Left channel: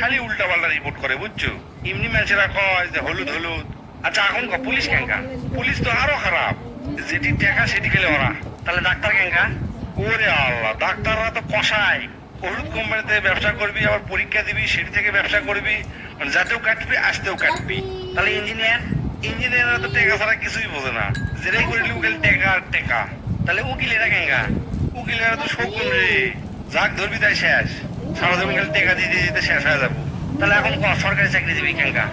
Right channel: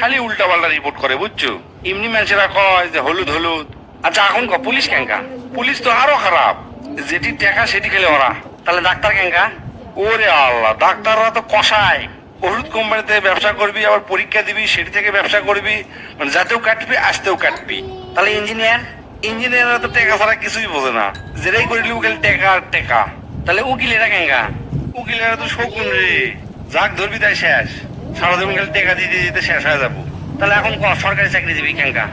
খালি উল্টা পাল্টা রিপোর্ট করে বুঝছো। এমনি মানুষেরা কয় যে হলুদ হলুদ। আচ্ছা এখন পুলিশ কেঙ্কা? পুলিশ তো আরো খারাপ, যেটি টাকা সেটি খেলে ওরা। তাহলে ডাক্তার কেঙ্কা? ওরে আল্লাহ, ডাক্তাররা তো কষায়। ওষুধ কোম্পানিতে ব্যবসা করবি, আবার পরীক্ষা দিবি, সেটি থেকে ব্যবসা করবি, মানে যাতেও কাটবি আসতেও কাটবি। তাহলে ইঞ্জিনিয়ার? ইঞ্জিনিয়াররা তো টেকা ছাড়া কিছুই বোঝে না, যেটাই করিলি উকিল টেকা আর টেকা। তাহলে উকিলেরা কেঙ্কা? উকিলেরা তো শকুন রে, যাক ধরবি তাই শেষ। সারা জীবন খালি টেকা দিতে দিতে শেষ হয়ে যাবো। তাহলে এখন সরকারি চাকরিজীবী কেঙ্কা?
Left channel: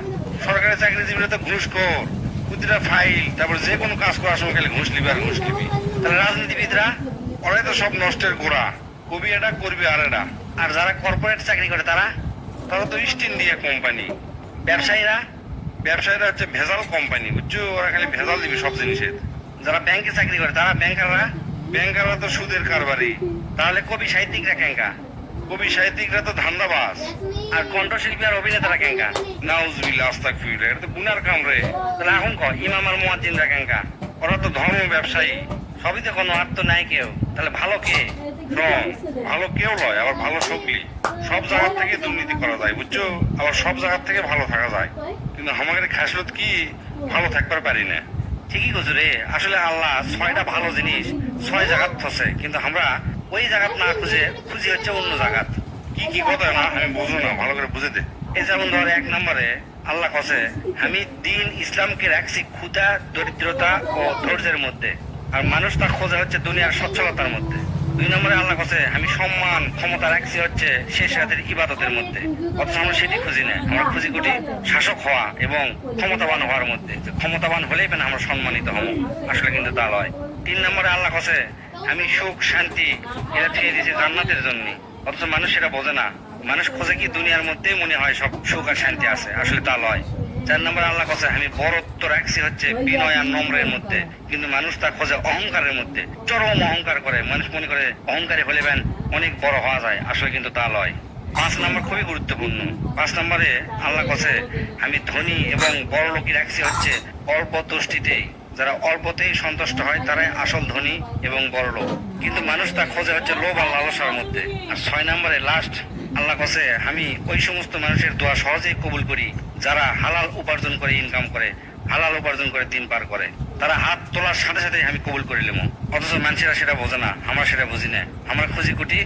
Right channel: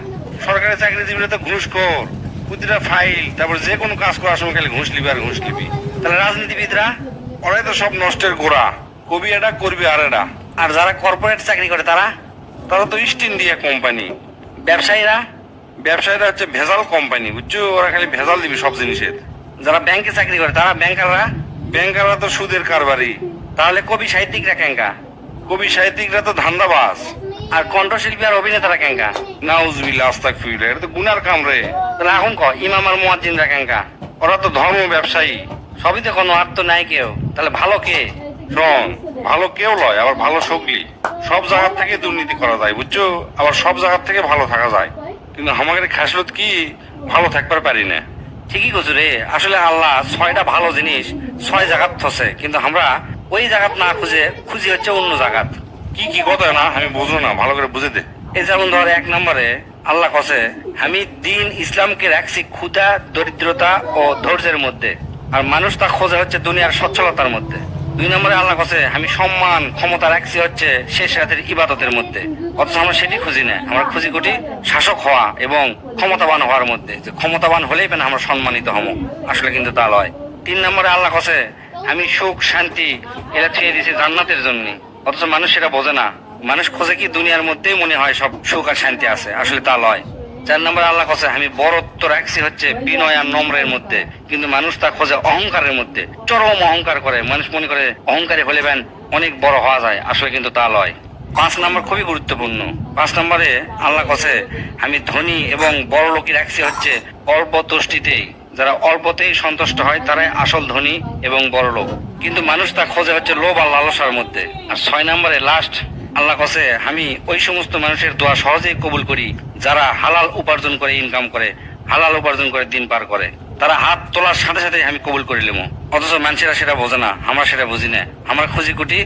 সরকারি চাকরিজীবীরা তো ঘুষখোর, প্রতিটা ফাইল, তারপর যে কোনো কাজ করার সময় খালি ঘুষ লিবি আর ঘুষ লিবি। তাহলে রাজনীতিবিদরা? ওরাই তো সব নষ্টের গোড়া, কবি এটা করবি আর এটা। আর যারা কর্পোরেট চাকরি করে তারা? তারা তো ইস্ট ইন্ডিয়া কোম্পানি। ব্যবসায়ীরা? ব্যবসায়ীরা হচ্ছে ভেজাল কোম্পানি, বুঝছো, ওরা খালি ভেজাল দিবি সব জিনিসের। যারা ব্যাংকে চাকরি করে তারা? ব্যাংকাররা? ব্যাংকাররা তো সুদের কারবারি। তাহলে কবি সাহিত্যিকরা কেঙ্কা? কবি সাহিত্যিকরা তো ধান্দাবাজ। আর কণ্ঠশিল্পী আর অভিনেতারা কেঙ্কা? নাউজুবিল্লাহ আস্তাগফিরুল্লাহ, এটা তো গুনার কাম রে। তাহলে এখন ইমাম আর মুয়াজ্জিনরা কেঙ্কা? ওরা তো ধর্ম ব্যবসায়ী। সবই তো কোনো আত্ম নাই কেউ। তাহলে ভালো কে? শোন, ভালো কেউ লয়, আবার ভালো সকলি। সব জায়গা থেকে দুর্নীতি করা যায় বুঝছো, আবার সব জায়গা থেকে ভালো থাকা যায়। কিন্তু আমাদের খাসলত কি, ভালো থাকবার পারি না। ঠিকই কছু রে, আসলে আল্লাহ 6টা ভালো জিনিস 6 জায়গাত থসে, কিন্তু আমরা ওই জায়গাত না খুঁজে খুঁজি হচ্ছে অন্য জায়গাত। কি কি কথা না আমি বুঝলো না, ভালো করে বুঝে দে। এই যেমন ধর 1 নম্বরে আল্লাহ কসে আমি দিন ইসলামকে রাখছি ক্ষুধা, দরিদ্রতা ও ধৈর্যের মধ্যে, আর মানুষ তা খোঁজে হচ্ছে দুনিয়ার সচ্ছলতার মধ্যে। 2 নম্বরে আল্লাহ কসে আমি সম্মান ক্ষমতা রাখছি হচ্ছে শেষ রাতের ইবাদতের মধ্যে, অথচ আমরা সেটি খুঁজি না। আমরা খুঁজি কোটি শাসক হওয়া এবং ক্ষমতাবান হওয়ার মধ্যে, যে ক্ষমতাবান হলেই পেন আমরা সম্মানিত হব, আসলে কিন্তু তা লয়। 3 নম্বরে আল্লাহ কসে আমি সুখ শান্তি এরা ছেড়ে দিয়েছি জান্নাতের জন্য, অথচ মানুষ সেটা বোঝে না। মানুষ খোঁজে কি দুনিয়ার মধ্যেই মনে হয় সব সুখ আর শান্তি আছে, আসলে তা লয়। 4 নম্বরে আল্লাহ কসে আমি বরত্ব রাখছি হচ্ছে বিনয় আর নম্রের মধ্যে, কিন্তু মানুষ তা খোঁজে অহংকারের মধ্যে, চরম অহংকার করে। মানুষ মনে করে অহংকারী হলে বেন অনেক বড় হওয়া যায়, আসলে কিন্তু তা লয়। 5 নম্বর খুবই গুরুত্বপূর্ণ। 5 নম্বরে আল্লাহ কসে আমি ধনী এবং বড় লোকই রাখছি হচ্ছে অল্প তুষ্টিতেই, যারা অল্পতেই সন্তুষ্ট হয় তারাই আসল ধনী এবং বড় লোক, কিন্তু মানুষ তা খোঁজে হচ্ছে লোভ আর লালসার মধ্যে। আর 6 নম্বরে লাস্ট আল্লাহ কসে আমি ওই সমস্ত মানুষের দোয়া সহজেই কবুল করি যারা হালাল উপার্জন করে ইনকাম করে, হালাল উপার্জন করে দিন পার করে। তারা হাত তোলার সাথে সাথে আমি কবুল করে নিলাম, অথচ মানুষেরা সেটা বোঝে না, আমরা সেটা বুঝি না। আমরা খুঁজি কুটি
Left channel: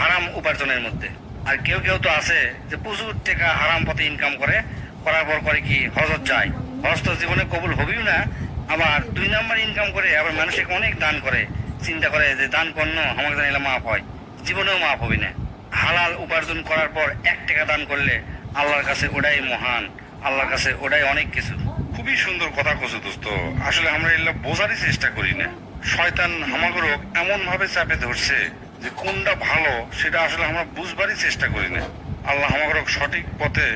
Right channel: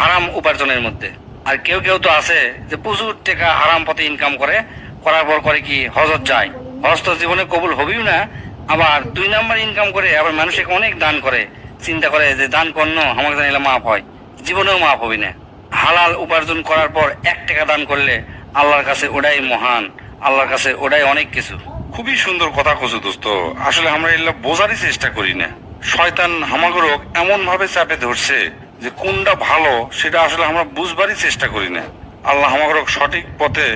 হারাম উপার্জনের মধ্যে। আর কেউ কেউ তো আছে যে প্রচুর টাকা হারাম পথে ইনকাম করে, করার পর করে কি হজত যায়, হজ তো জীবনে কবুল হবেও না। আবার 2 নাম্বার ইনকাম করে আবার মানুষকে অনেক দান করে, চিন্তা করে যে দান করল আমাকে জানিলে মাফ হয়, জীবনেও মাফ হবে না। হালাল উপার্জন করার পর 1 টাকা দান করলে আল্লাহর কাছে ওটাই মহান, আল্লাহর কাছে ওটাই অনেক কিছু। খুবই সুন্দর কথা কছো দোস্ত, আসলে আমরা এগুলা বোঝারই চেষ্টা করি না। শয়তান আমাগর এমন ভাবে চাপে ধরছে যে কোনটা ভালো সেটা আসলে আমরা বুঝবারই চেষ্টা করি না। আল্লাহ আমাগর সঠিক পথে